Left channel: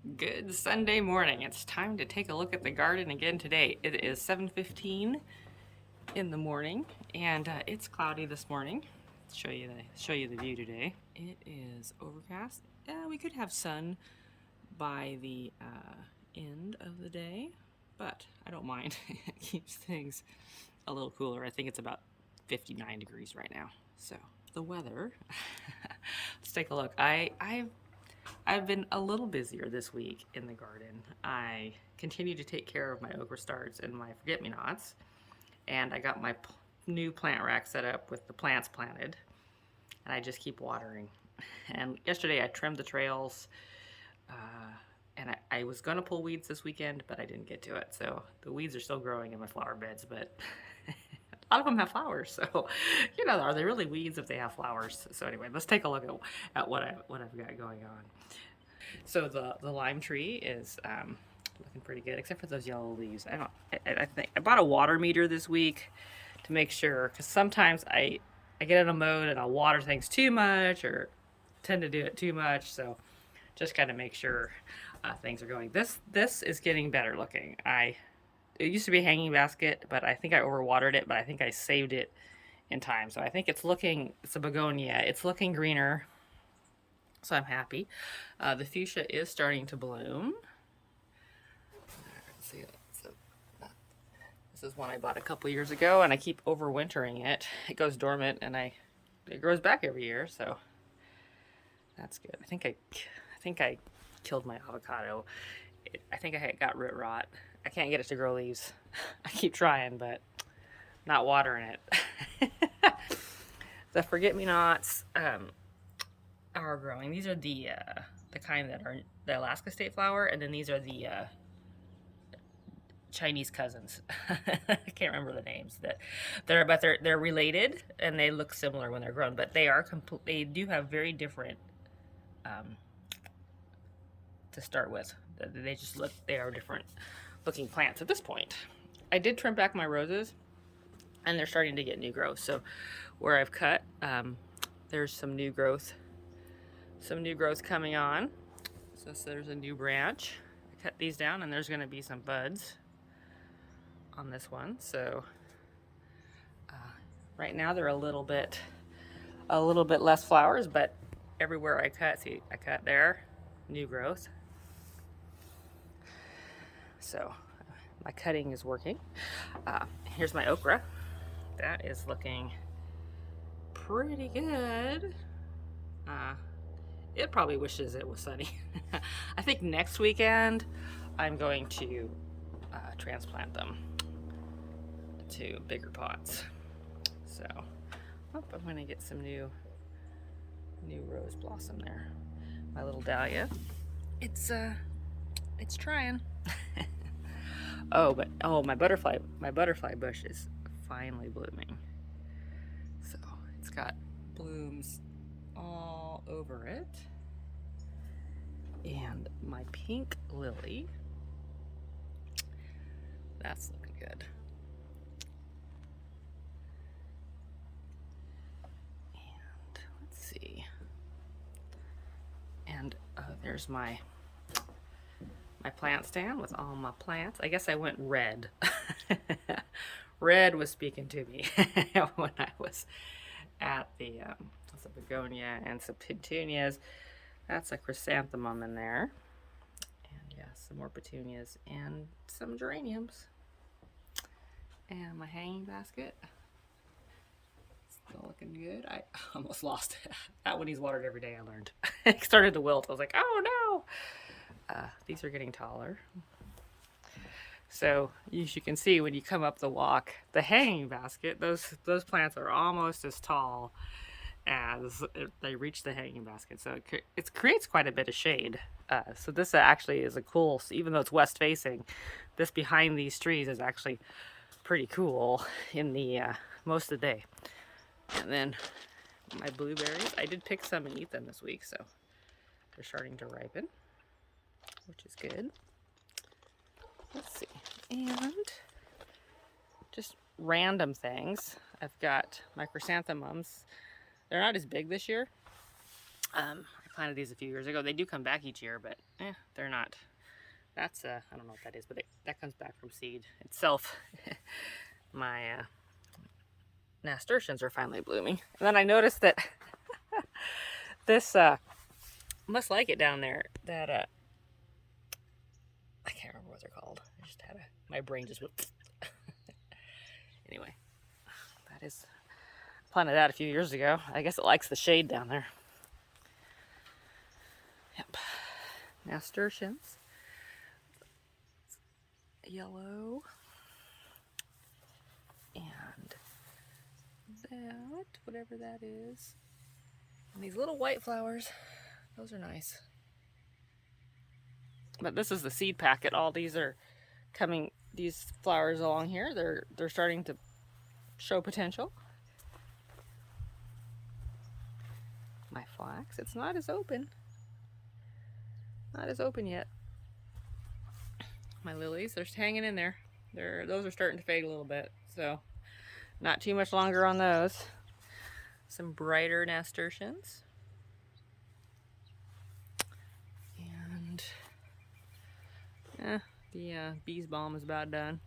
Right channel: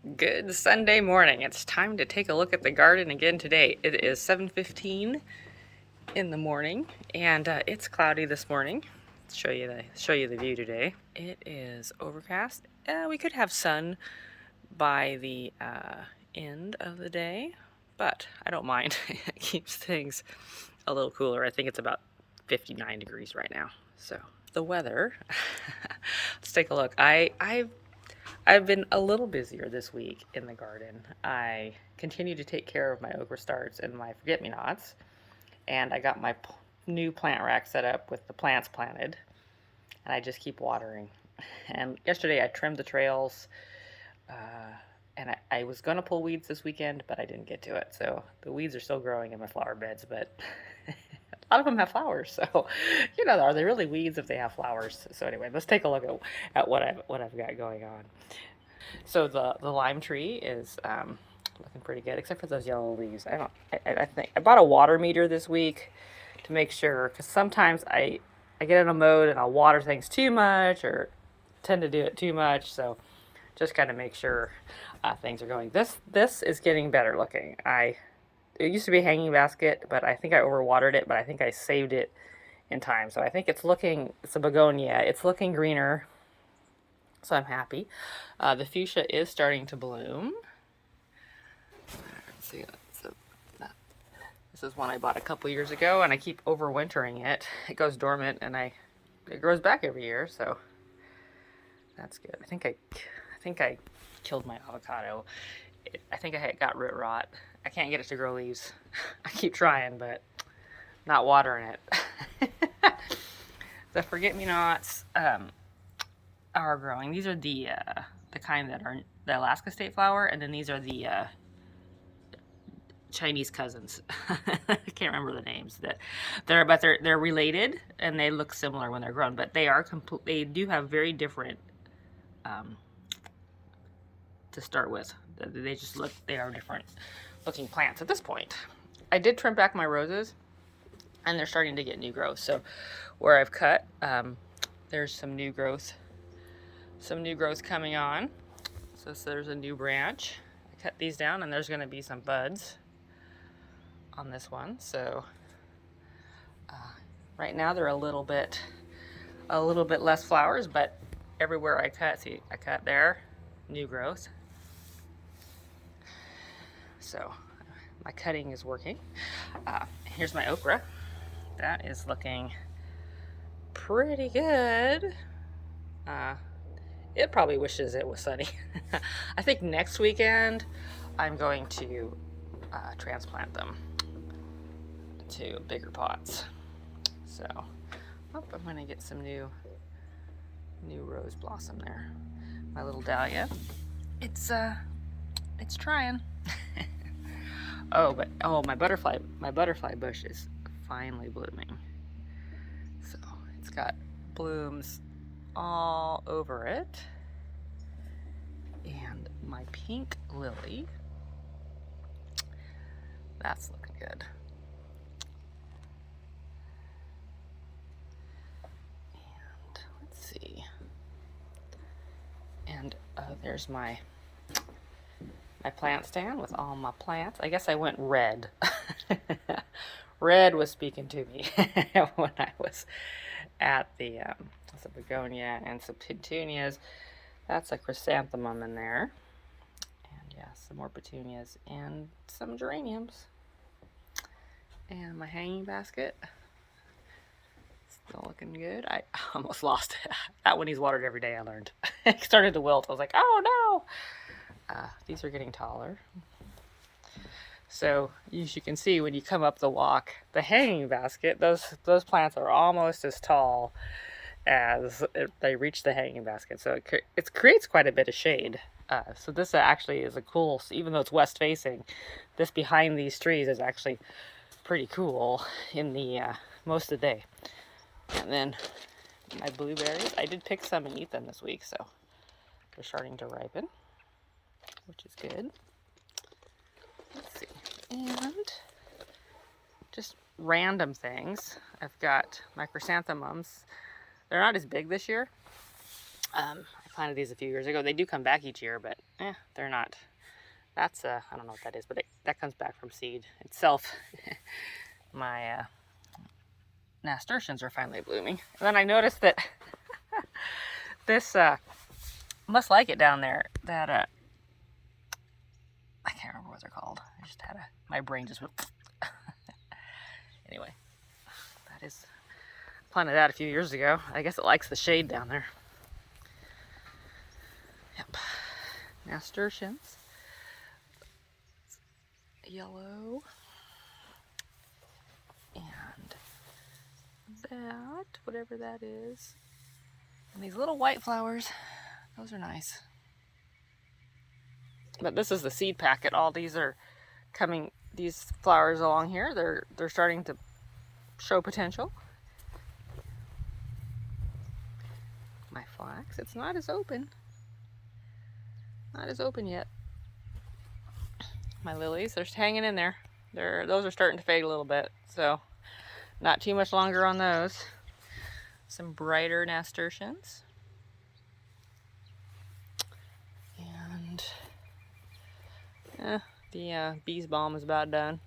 Good Sunday morning. It's time to take a look at the garden again today. It is 7:15 in the morning, and it's cloudy this morning. Show you the view today. It is overcast. We could have sun by the end of the day, but I don't mind. It keeps things a little cooler. I think it's about 59 degrees right now. So the weather. Let's take a look. I've been a little busier this week in the garden. I continue to take care of my okra starts and my forget-me-nots, and I got my new plant rack set up with the plants planted, and I just keep watering. And yesterday I trimmed the trails, and I was going to pull weeds this weekend, but I didn't get to it. So the weeds are still growing in my flower beds, but a lot of them have flowers. So, are they really weeds if they have flowers? So anyway, let's take a look at what I've got going on. So the lime tree is looking pretty good, except for those yellow leaves. I think I bought a water meter this week to make sure, because sometimes I get in a mode and I'll water things too much or tend to do it too much. So just kind of make sure things are going. This is getting better looking. It used to be a hanging basket, but I think I overwatered it. But I think I saved it in time. So I think it's a begonia. It's looking greener. So I'm happy. The fuchsia is starting to bloom. Let's see. So this is one I bought a couple years ago, and I keep overwintering it. It goes dormant, and it grows back every year. So that's good. I think I killed my avocado. I think I got root rot. I can't get it to grow leaves. I keep trying, but not watering it. The forget-me-nots are growing. These are the kind that are the Alaska state flower, and then these are the Chinese cousins. I can't remember the names. They're related, and they look similar when they're grown, but they do have very different to start with. They are different looking plants at this point. I did trim back my roses, and they're starting to get new growth. So where I've cut, there's some new growth coming on. So there's a new branch. I cut these down, and there's going to be some buds on this one. So right now they're a little bit less flowers, but everywhere I cut, see, I cut there, new growth. So my cutting is working. Here's my okra. That is looking pretty good. It probably wishes it was sunny. I think next weekend I'm going to transplant them to bigger pots. So, I'm going to get some new rose blossom there. My little dahlia. It's trying. My butterfly bush is finally blooming. So it's got blooms all over it. And my pink lily, that's looking good. And let's see. And there's my plant stand with all my plants. I guess I went red. Red was speaking to me when I was at the some begonia and some petunias. That's a chrysanthemum in there. And yeah, some more petunias and some geraniums. And my hanging basket. Still looking good. I almost lost it. That one needs watered every day, I learned. It started to wilt. I was like, oh no. These are getting taller. So as you can see, when you come up the walk, the hanging basket, those plants are almost as tall as they reach the hanging basket. So it creates quite a bit of shade. So this actually is a cool, even though it's west facing, this behind these trees is actually pretty cool in the most of the day. And then my blueberries, I did pick some and eat them this week, so they're starting to ripen, which is good. Let's see. And just random things. I've got my chrysanthemums. They're not as big this year. I planted these a few years ago. They do come back each year, but they're not. That's I don't know what that is, but that comes back from seed itself. My nasturtiums are finally blooming. And then I noticed that this must like it down there. That I can't remember what they're called. I just had my brain just went. Anyway, that is planted that a few years ago. I guess it likes the shade down there. Yep, nasturtiums, yellow, and that, whatever that is, and these little white flowers. Those are nice. But this is the seed packet. All these are coming. These flowers along here, they're starting to show potential. My flax, it's not as open. Not as open yet. My lilies, they're hanging in there. Those are starting to fade a little bit, so not too much longer on those. Some brighter nasturtiums. And the bee's balm is about done.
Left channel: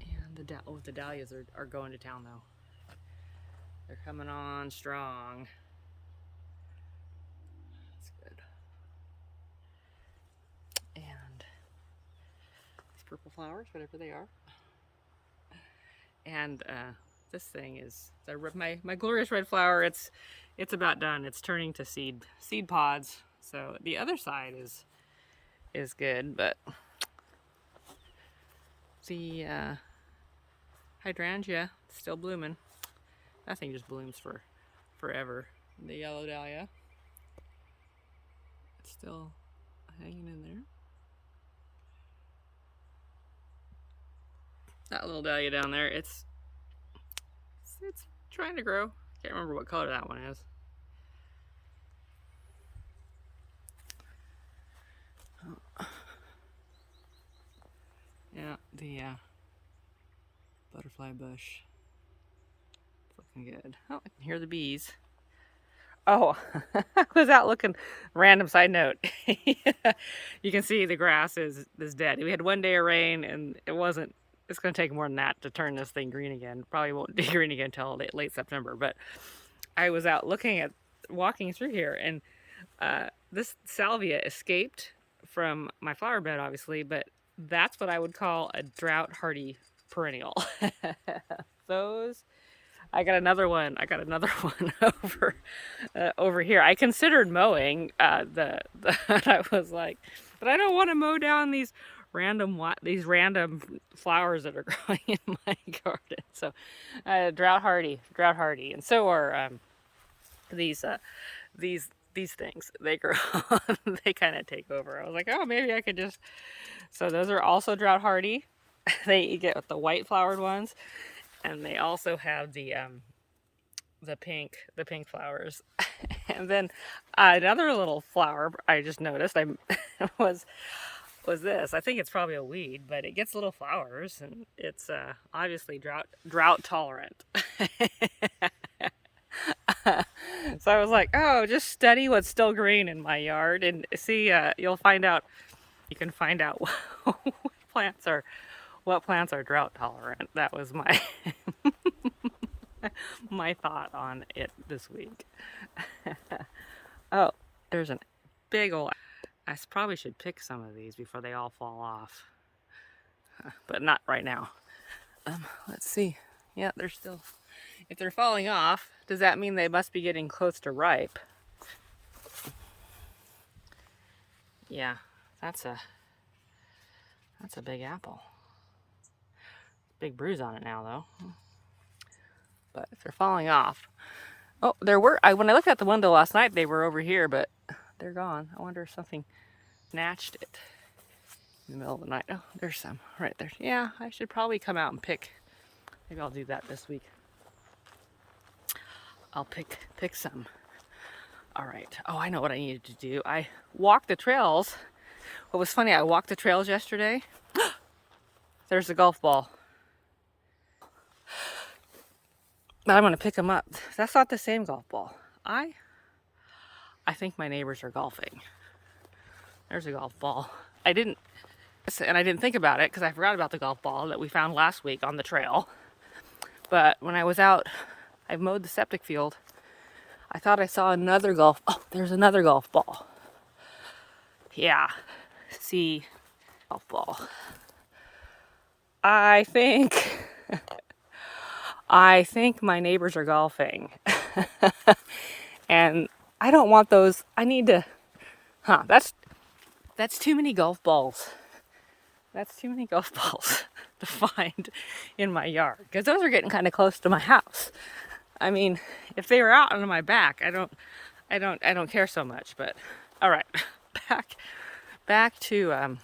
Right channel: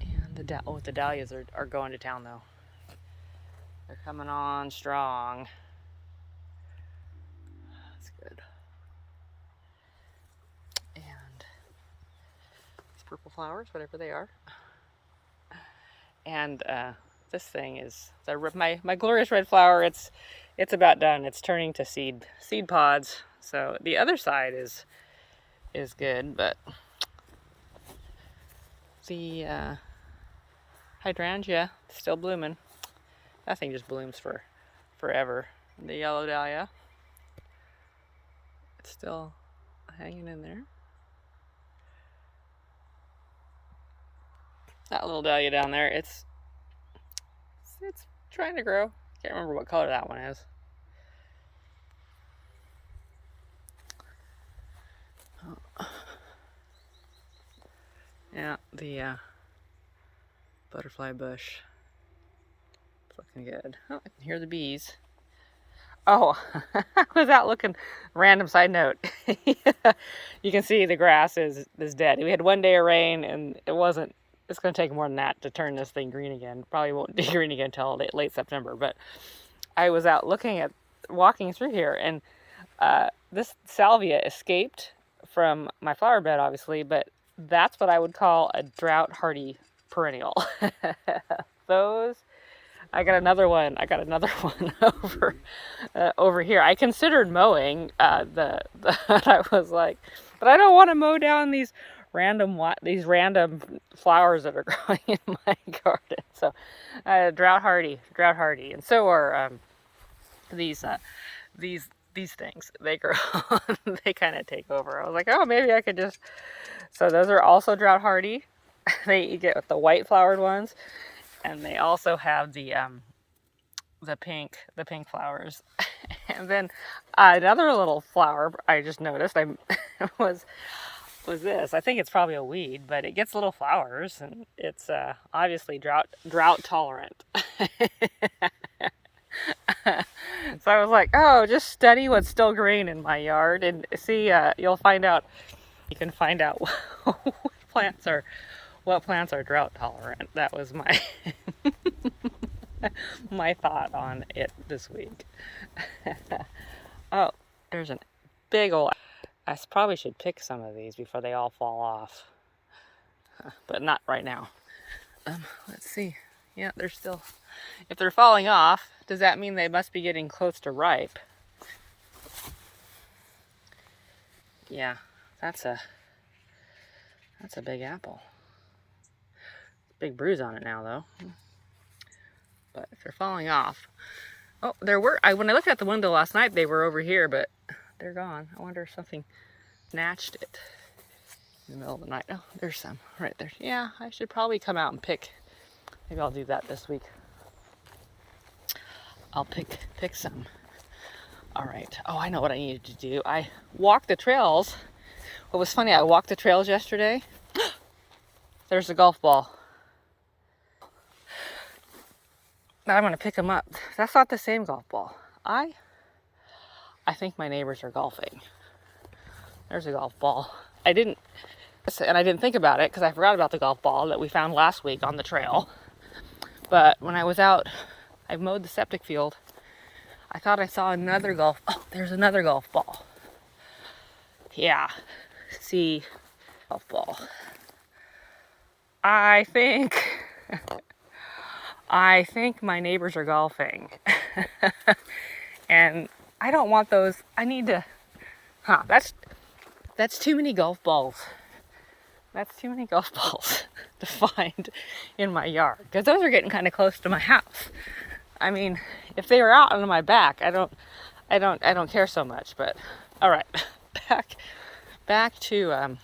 And the dahlias are going to town though. They're coming on strong. That's good. And these purple flowers, whatever they are. And this thing is my glorious red flower. It's about done. It's turning to seed pods. So the other side is good, but the hydrangea is still blooming. That thing just blooms for forever. The yellow dahlia, it's still hanging in there. That little dahlia down there, it's trying to grow. Can't remember what color that one is. Yeah, the butterfly bush. It's looking good. Oh, I can hear the bees. Oh, I was out looking. Random side note. You can see the grass is dead. We had one day of rain, and it's going to take more than that to turn this thing green again. Probably won't be green again until late September. But I was out walking through here, and this salvia escaped from my flower bed, obviously, but that's what I would call a drought-hardy perennial. I got another one over here. I considered mowing I was like, but I don't want to mow down these random flowers that are growing in my garden. So drought hardy, and so are these things. They grow. They kind of take over. I was like, oh, maybe I could just. So those are also drought hardy. You get the white flowered ones. And they also have the pink flowers. And then another little flower I just noticed was this. I think it's probably a weed, but it gets little flowers, and it's obviously drought tolerant. So I was like, oh, just study what's still green in my yard and see. You can find out what plants are drought tolerant. That was my my thought on it this week. Oh, there's a big old. I probably should pick some of these before they all fall off, but not right now. Let's see. Yeah, they're still. If they're falling off, does that mean they must be getting close to ripe? Yeah, that's a big apple. Big bruise on it now, though. But if they're falling off, oh, when I looked out the window last night, they were over here, but they're gone. I wonder if something snatched it in the middle of the night. Oh, there's some right there. Yeah, I should probably come out and pick. Maybe I'll do that this week. I'll pick some. All right. Oh, I know what I needed to do. I walked the trails. What was funny, I walked the trails yesterday. There's a golf ball. I'm going to pick them up. That's not the same golf ball. I I think my neighbors are golfing. There's a golf ball. I didn't think about it because I forgot about the golf ball that we found last week on the trail. But when I was out, I mowed the septic field. I thought I saw another golf. Oh, there's another golf ball. Yeah. See, golf ball. I think my neighbors are golfing. And I don't want those. I need to, that's too many golf balls. That's too many golf balls to find in my yard. Because those are getting kind of close to my house. I mean, if they were out on my back, I don't care so much. But all right, back to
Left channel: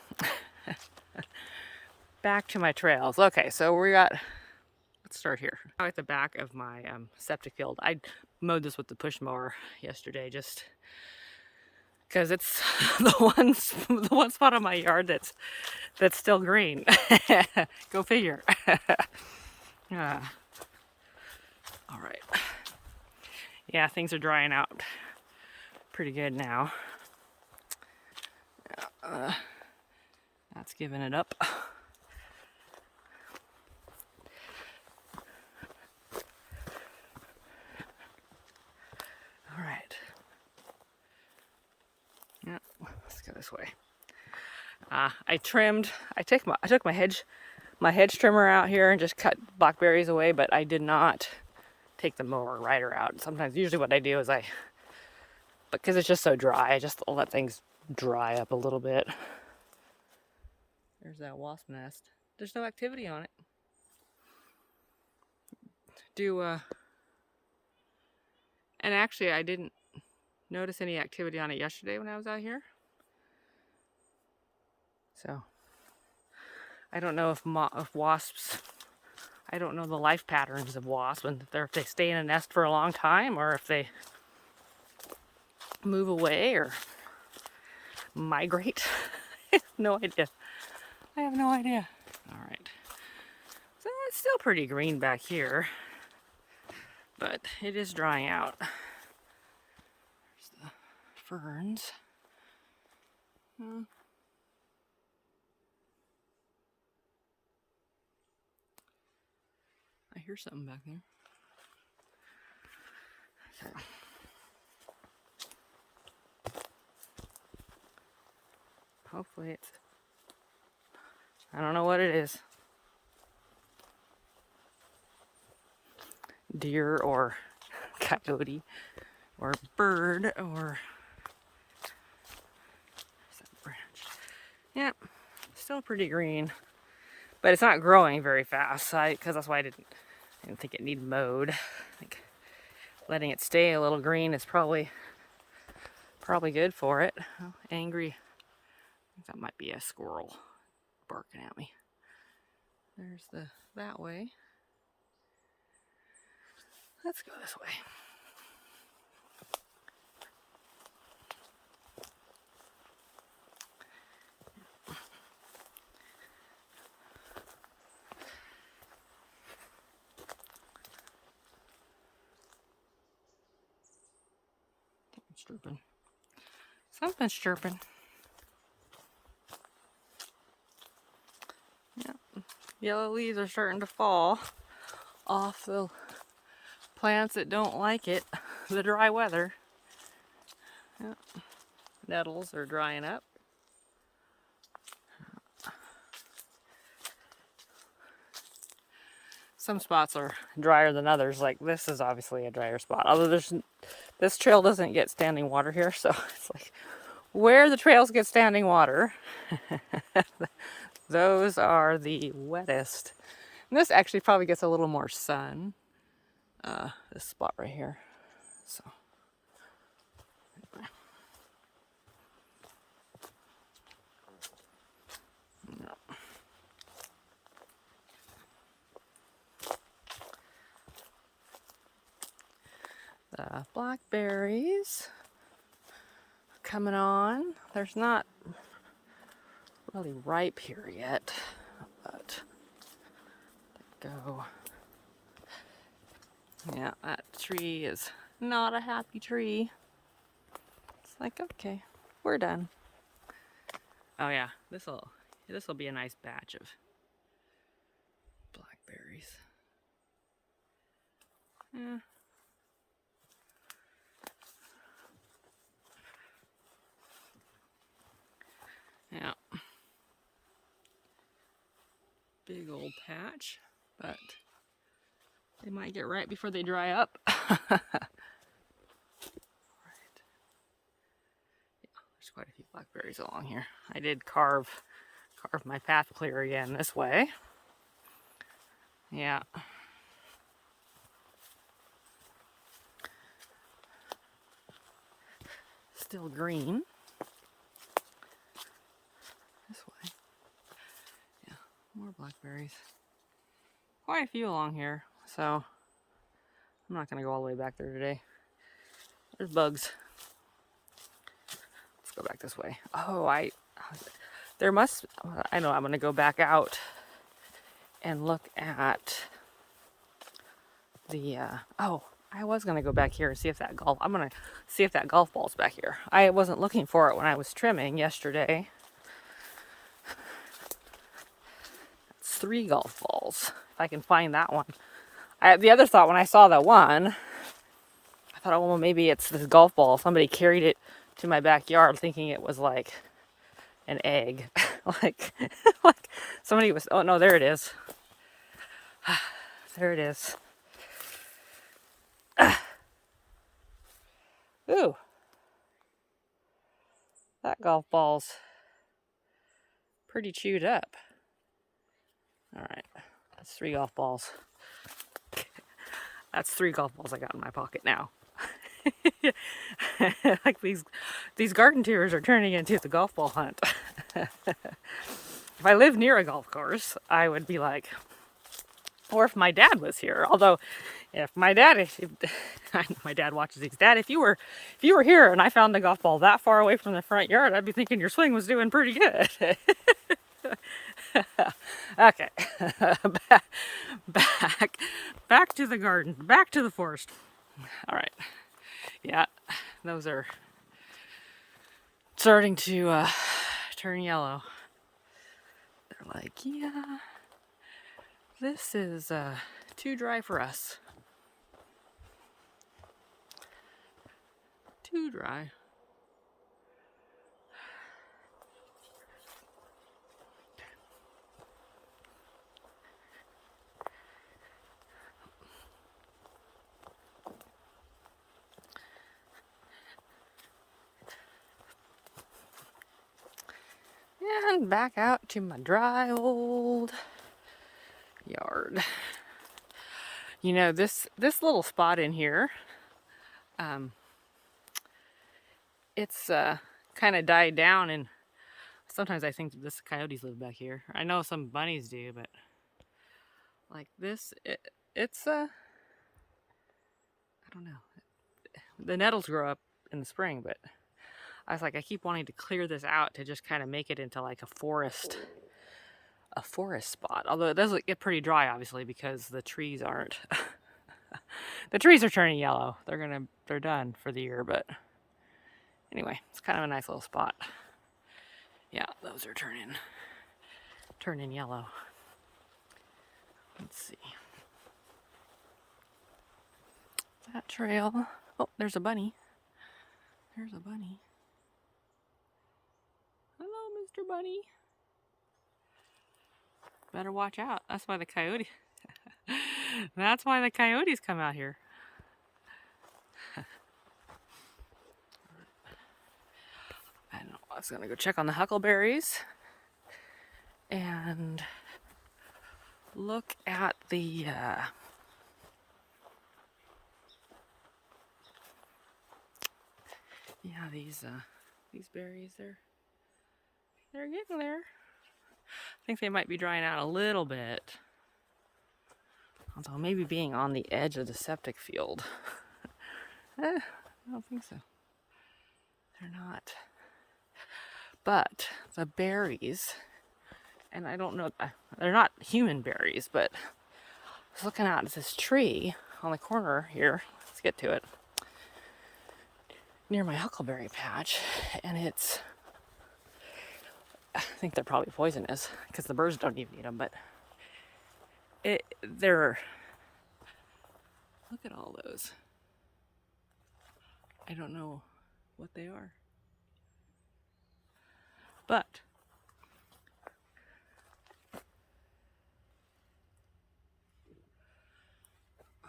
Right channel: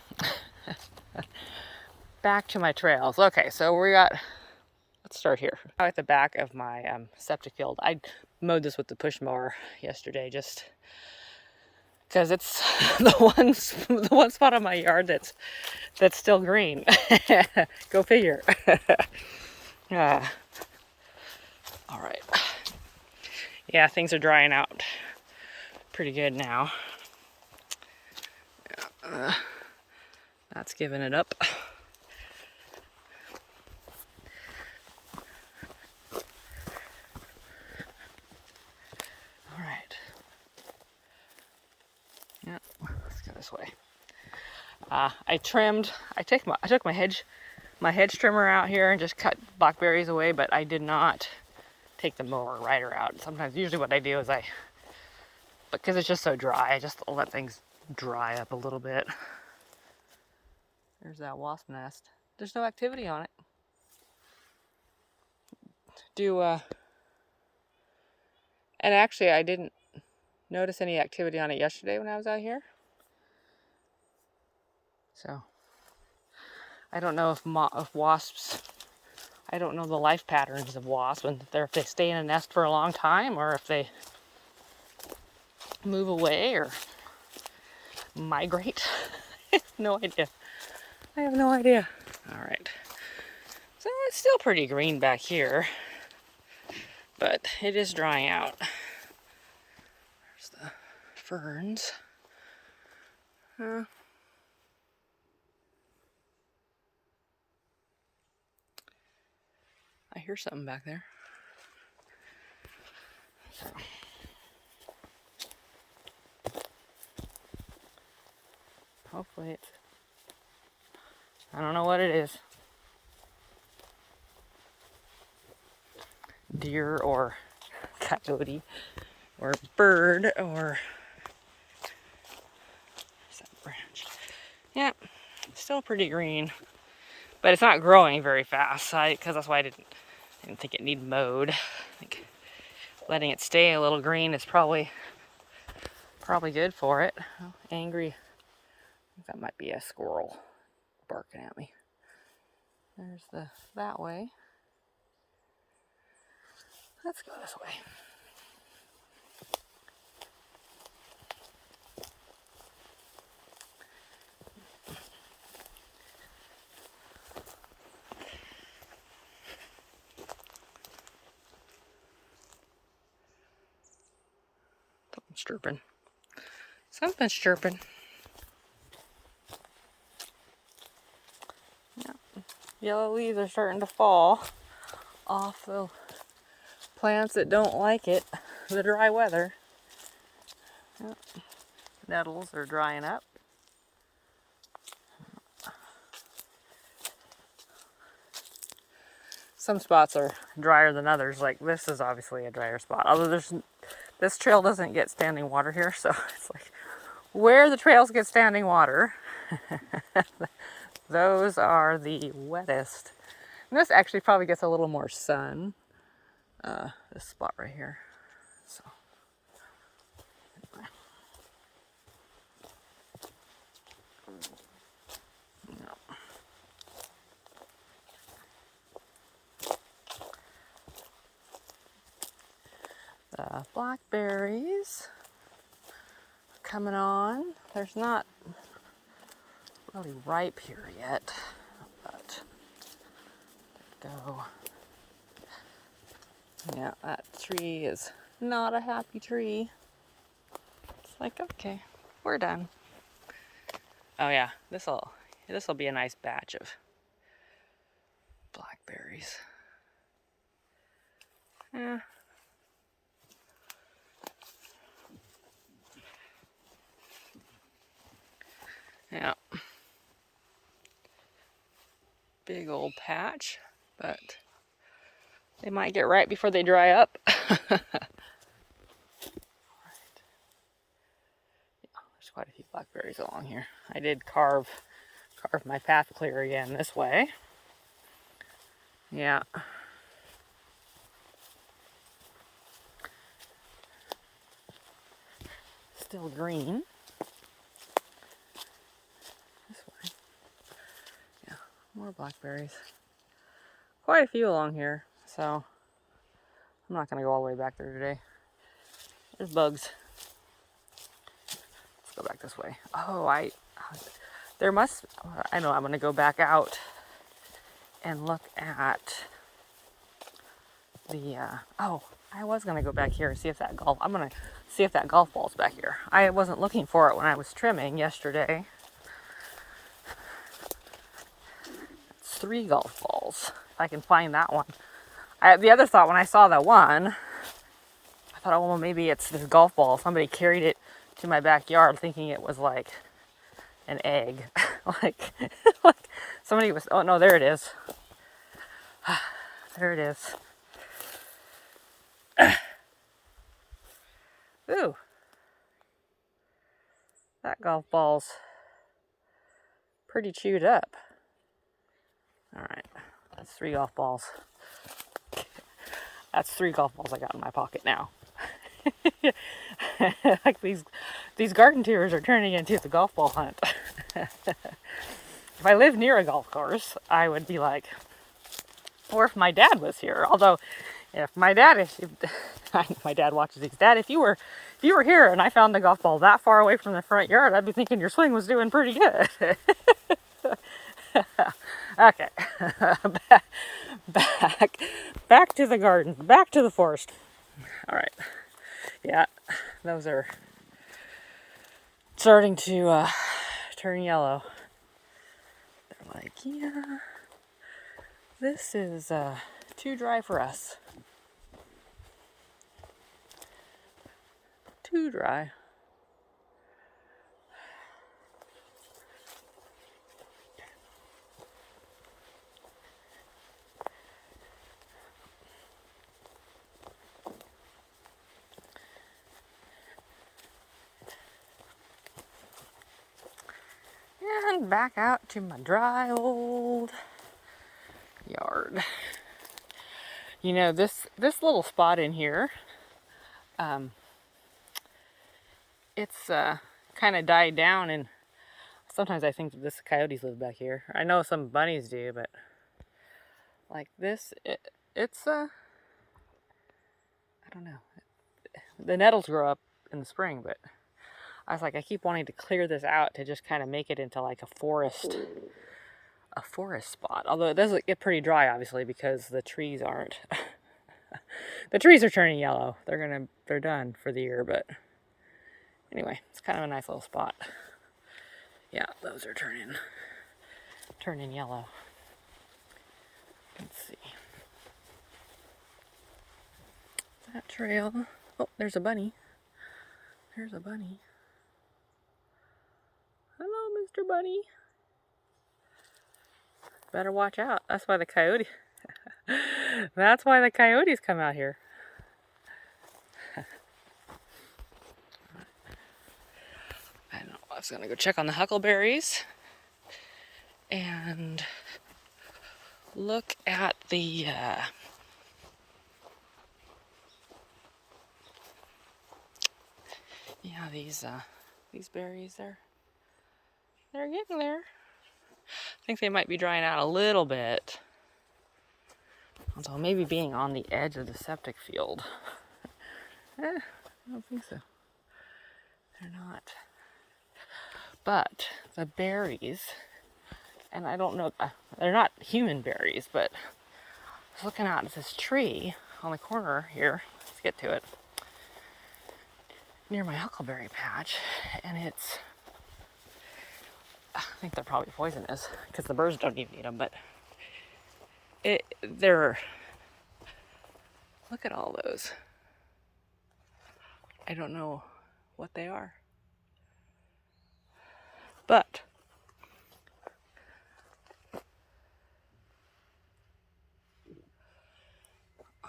back to my trails. Okay, so let's start here. At the back of my septic field, I mowed this with the push mower yesterday, just because it's the one spot on my yard that's still green. Go figure. All right. Yeah, things are drying out pretty good now. That's giving it up. All right. Yep, let's go this way. I took my hedge trimmer out here and just cut blackberries away, but I did not take the mower rider out. Usually what I do is because it's just so dry, I just let things dry up a little bit. There's that wasp nest. There's no activity on it. And actually I didn't notice any activity on it yesterday when I was out here. So I don't know if wasps, I don't know the life patterns of wasps, and if they stay in a nest for a long time or if they move away or migrate. No idea. I have no idea. All right. So it's still pretty green back here, but it is drying out. There's the ferns. I hear something back there. So. Hopefully it's, I don't know what it is. Deer or coyote or bird or there's that branch. Yeah, still pretty green, but it's not growing very fast. Because that's why I didn't think it needed mowed. I think letting it stay a little green is probably good for it. Oh, angry. I think that might be a squirrel barking at me. There's that way. Let's go this way. Something's chirping. Something's chirping. Yep. Yellow leaves are starting to fall off the plants that don't like it, the dry weather. Yep. Nettles are drying up. Some spots are drier than others. Like this is obviously a drier spot. Although this trail doesn't get standing water here, so it's like where the trails get standing water, those are the wettest. And this actually probably gets a little more sun. This spot right here. So. No. The blackberries coming on. There's not really ripe here yet, but go. Yeah, that tree is not a happy tree. It's like, okay, we're done. Oh yeah, this'll be a nice batch of blackberries. Yeah. Yeah. Big old patch, but they might get ripe before they dry up. Yeah, there's quite a few blackberries along here. I did carve my path clear again this way. Yeah. Still green. This way. Yeah, more blackberries. Quite a few along here, so I'm not going to go all the way back there today. There's bugs. Let's go back this way. Oh, I know I'm going to go back out and look at the, I was going to go back here and see if I'm going to see if that golf ball's back here. I wasn't looking for it when I was trimming yesterday. It's 3 golf balls. If I can find that one. The other thought when I saw that one, I thought, oh, well, maybe it's this golf ball. Somebody carried it to my backyard thinking it was like an egg. like somebody was, oh no, there it is. There it is. Ooh. That golf ball's pretty chewed up. Alright, that's 3 golf balls. That's 3 golf balls I got in my pocket now. Like these garden tours are turning into the golf ball hunt. If I lived near a golf course, I would be like, or if my dad was here. Although, if my dad watches these. Dad, if you were here and I found the golf ball that far away from the front yard, I'd be thinking your swing was doing pretty good. Okay, back to the garden, back to the forest. All right, yeah, those are starting to turn yellow. They're like, yeah, this is too dry for us. Too dry. And back out to my dry old yard. You know, this little spot in here, it's kind of died down, and sometimes I think that coyotes live back here. I know some bunnies do, but like this, it's I don't know. The nettles grow up in the spring, but I was like, I keep wanting to clear this out to just kind of make it into like a forest spot. Although it does get pretty dry, obviously, because the trees aren't. The trees are turning yellow. They're done for the year, but anyway, it's kind of a nice little spot. Yeah, those are turning yellow. Let's see. That trail. Oh, there's a bunny. There's a bunny. Hello, Mr. Bunny. Better watch out. That's why the coyote. That's why the coyotes come out here. I know. I was gonna go check on the huckleberries and look at the these berries. They're getting there. I think they might be drying out a little bit. Although maybe being on the edge of the septic field. I don't think so. They're not. But the berries, and I don't know, they're not human berries, but I was looking out at this tree on the corner here. Let's get to it. near my huckleberry patch, and I think they're probably poisonous because the birds don't even eat them, but they're, look at all those. I don't know what they are, but I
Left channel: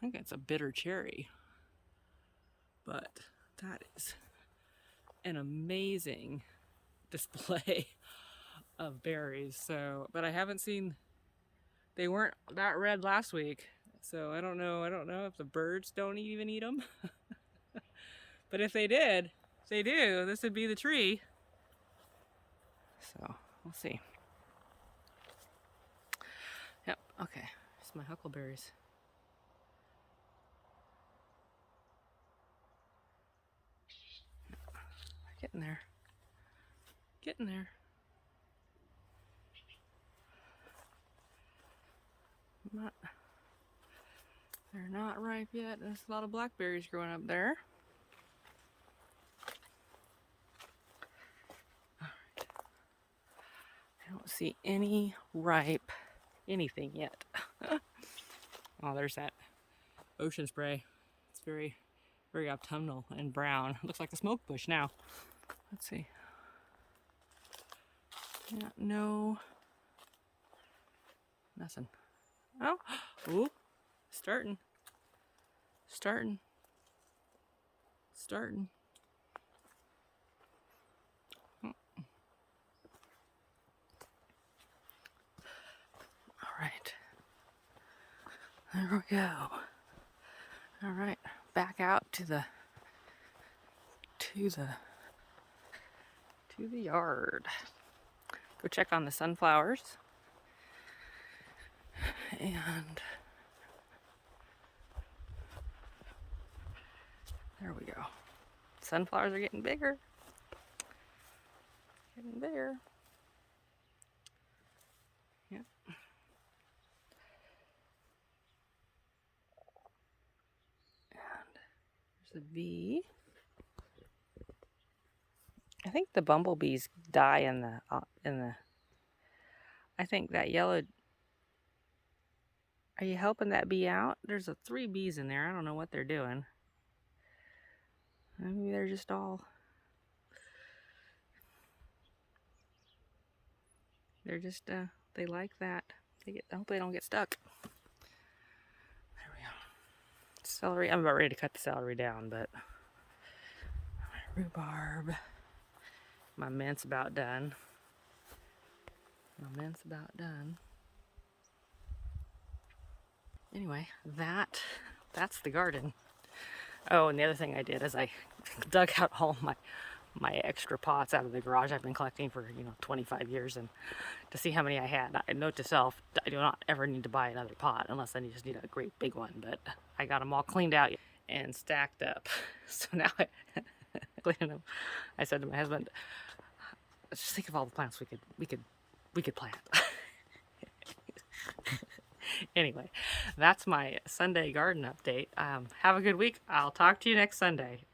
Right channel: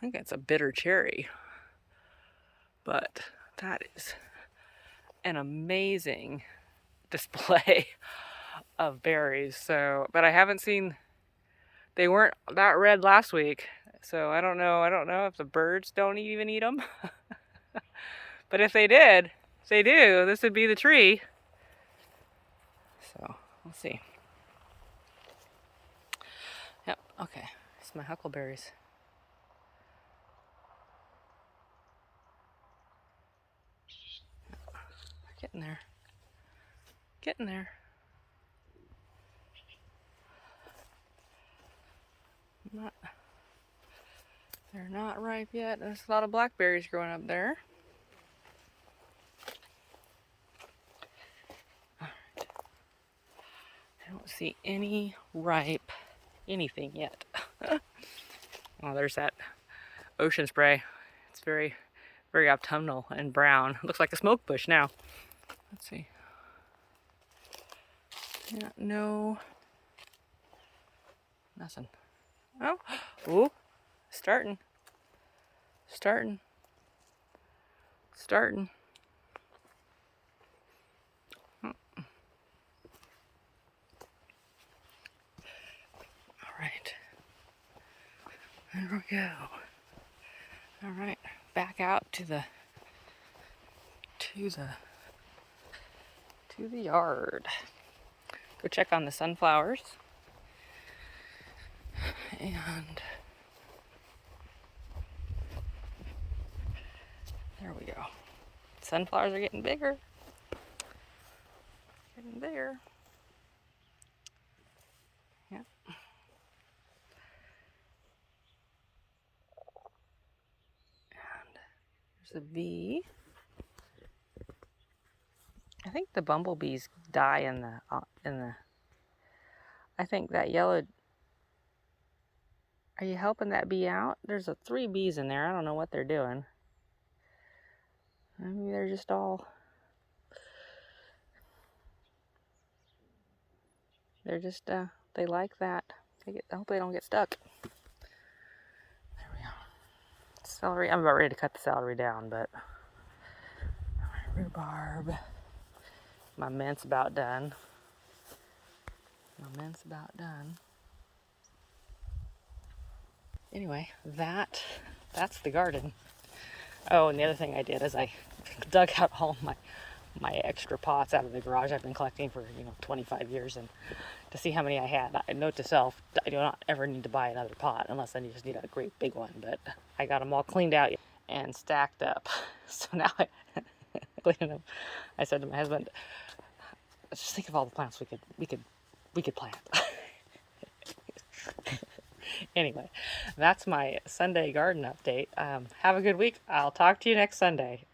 think it's a bitter cherry, but that is an amazing display of berries. So, but I haven't seen, they weren't that red last week, so I don't know if the birds don't even eat them. But if they did, if they do, this would be the tree. So we'll see. Yep, okay, it's my huckleberries. Getting there, getting there. They're not ripe yet. There's a lot of blackberries growing up there. All right. I don't see any ripe anything yet. Oh, there's that ocean spray. It's very, very autumnal and brown. Looks like a smoke bush now. Let's see. Yeah, no. Nothing. Oh, ooh, starting. All right. There we go. All right, back out to the yard. Go check on the sunflowers. And there we go. Sunflowers are getting bigger. Getting bigger. Yep. And there's a bee. I think the bumblebees die in the. I think that yellow. Are you helping that bee out? There's 3 bees in there. I don't know what they're doing. Maybe they're just all. They're just they like that. I hope they don't get stuck. There we go. Celery. I'm about ready to cut the celery down, but my rhubarb. My mint's about done. Anyway, that's the garden. Oh, and the other thing I did is I dug out all my extra pots out of the garage I've been collecting for 25 years, and to see how many I had. I note to self, I do not ever need to buy another pot unless I just need a great big one. But I got them all cleaned out and stacked up. So now cleaning them, I said to my husband, just think of all the plants we could plant. Anyway, that's my Sunday garden update. Have a good week. I'll talk to you next Sunday.